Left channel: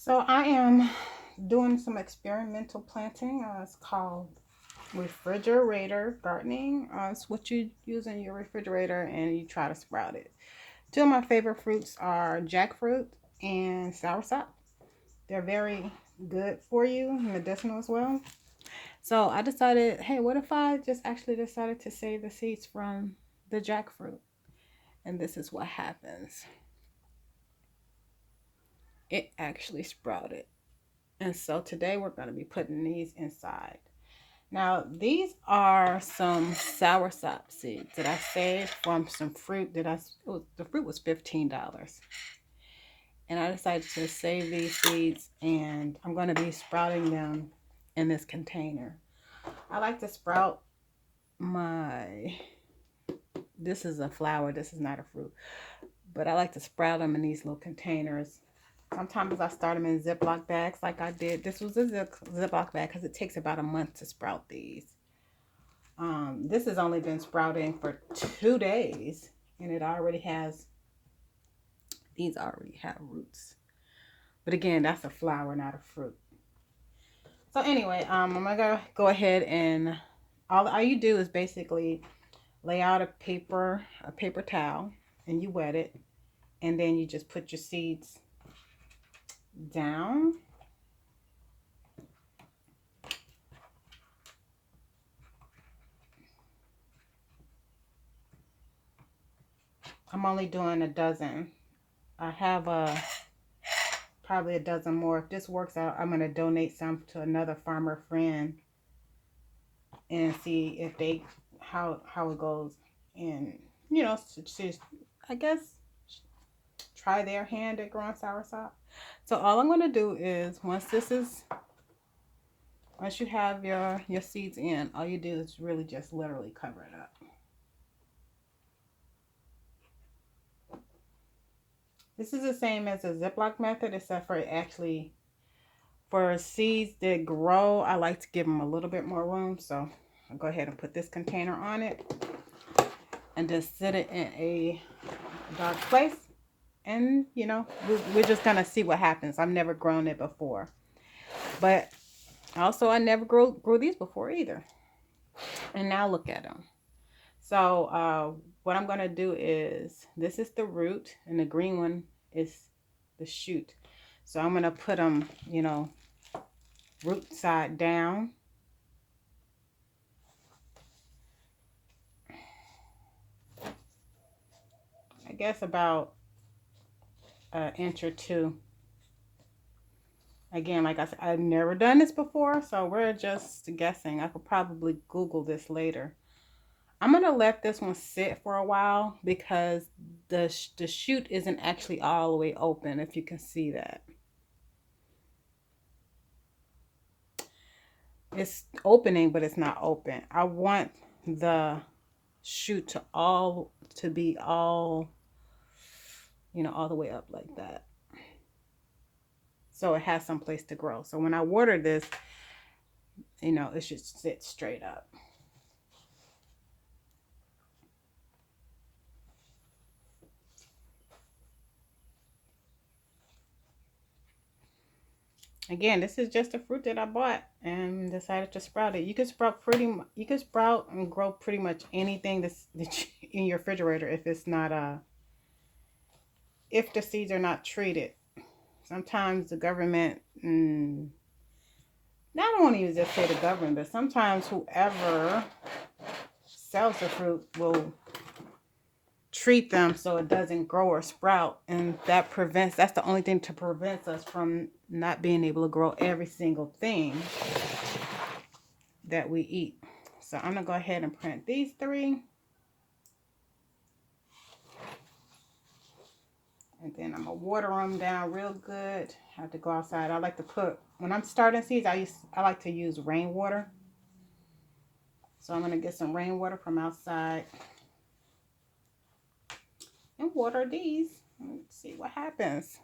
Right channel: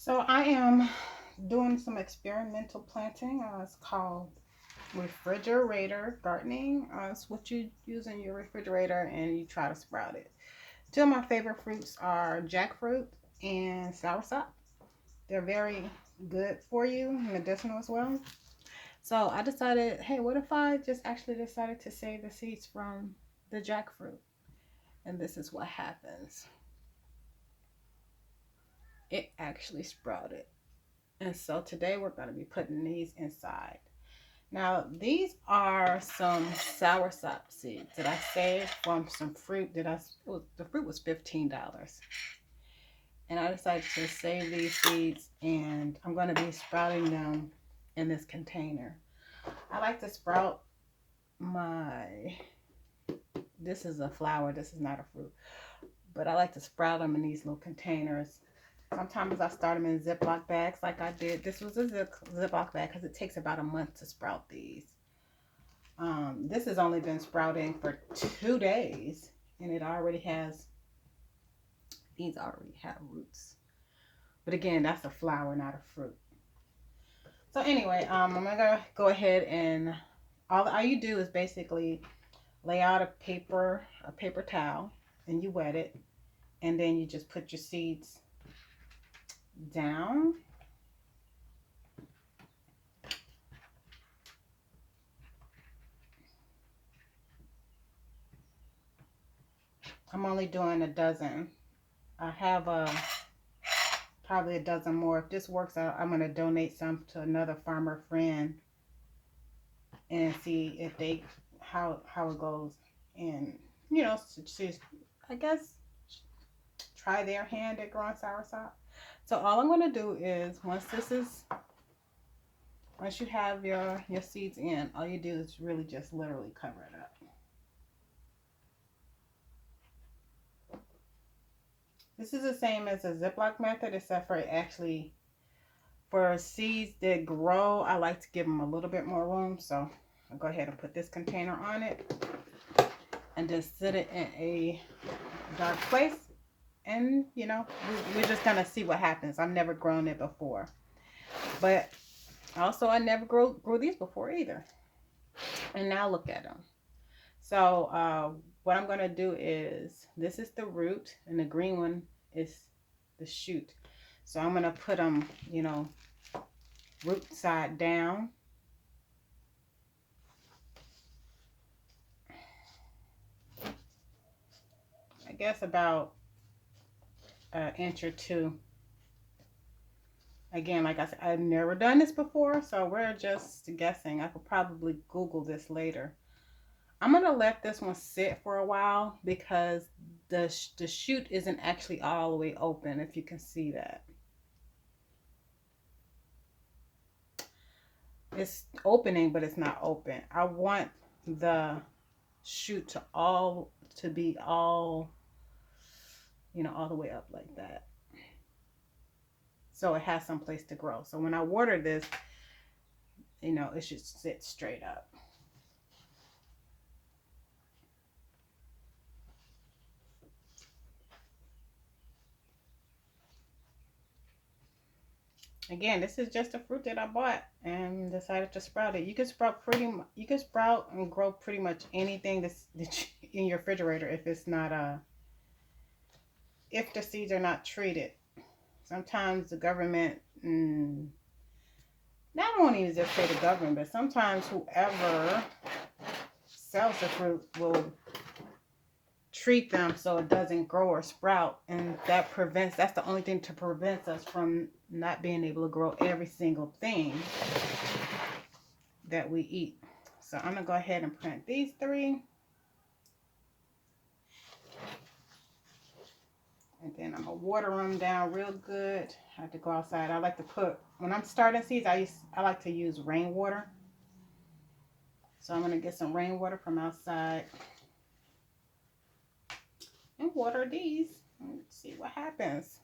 So I am doing some experimental planting. It's called refrigerator gardening. It's what you use in your refrigerator and you try to sprout it. Two of my favorite fruits are jackfruit and soursop. They're very good for you, medicinal as well. So I decided, hey, what if I just actually decided to save the seeds from the jackfruit? And this is what happens. It actually sprouted. And so today we're going to be putting these inside. Now, these are some soursop seeds that I saved from some fruit that the fruit was $15. And I decided to save these seeds and I'm going to be sprouting them in this container. I like to sprout this is a flower, this is not a fruit, but I like to sprout them in these little containers. Sometimes I start them in Ziploc bags like I did. This was a Ziploc bag because it takes about a month to sprout these. This has only been sprouting for 2 days and these already have roots. But again, that's a flower, not a fruit. So anyway, I'm gonna go ahead and all you do is basically lay out a paper towel and you wet it, and then you just put your seeds down. I'm only doing a dozen. I have probably a dozen more. If this works out, I'm going to donate some to another farmer friend and see if how it goes, and I guess try their hand at growing soursop. So all I'm going to do is once you have your seeds in, all you do is really just literally cover it up. This is the same as the Ziploc method, except for seeds that grow, I like to give them a little bit more room. So I'll go ahead and put this container on it and just set it in a dark place. And, we're just going to see what happens. I've never grown it before. But also, I never grew these before either. And now look at them. So what I'm going to do is, this is the root and the green one is the shoot. So I'm going to put them, root side down. I guess about an inch or two. Again, like I said, I've never done this before, so we're just guessing. I could probably Google this later. I'm going to let this one sit for a while because the shoot isn't actually all the way open, if you can see that. It's opening, but it's not open. I want the shoot to be all the way up like that, so it has some place to grow. So when I water this, it should sit straight up. Again, this is just a fruit that I bought and decided to sprout it. You can sprout and grow pretty much anything that's in your refrigerator if it's not if the seeds are not treated. Sometimes the government, I don't want to even just say the government, but sometimes whoever sells the fruit will treat them so it doesn't grow or sprout, and that's the only thing to prevent us from not being able to grow every single thing that we eat. So I'm gonna go ahead and plant these 3, and then I'm gonna water them down real good. I have to go outside. I like to when I'm starting seeds, I like to use rainwater. So I'm gonna get some rainwater from outside and water these. Let's see what happens.